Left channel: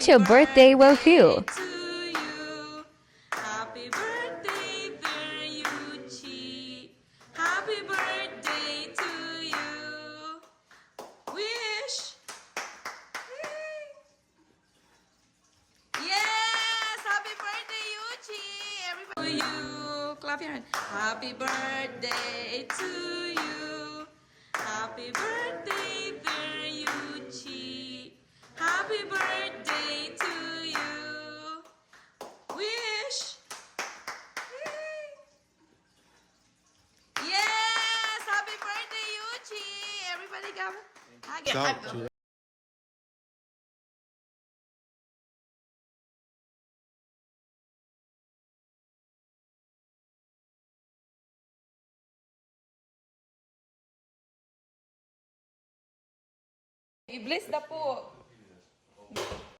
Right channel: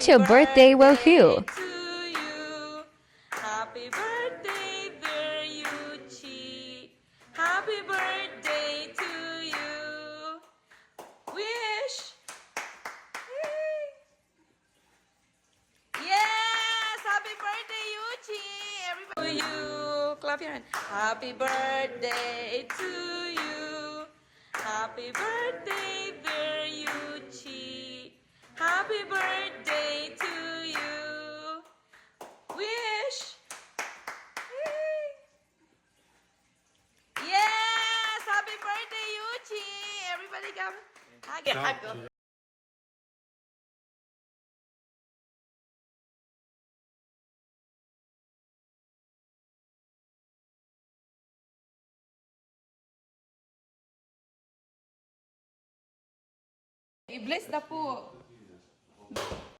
to Birthday with You. To you. Happy birthday, dear Yuchi. Happy birthday to you. Wish. Yes! Happy birthday, Yuchi! Everybody, to you. Clap your hand. Happy birthday to you. Happy birthday, dear Yuchi. Happy birthday to you. Wish. Yes! Happy birthday, Yuchi! Everybody come. Hug. I-bless na po.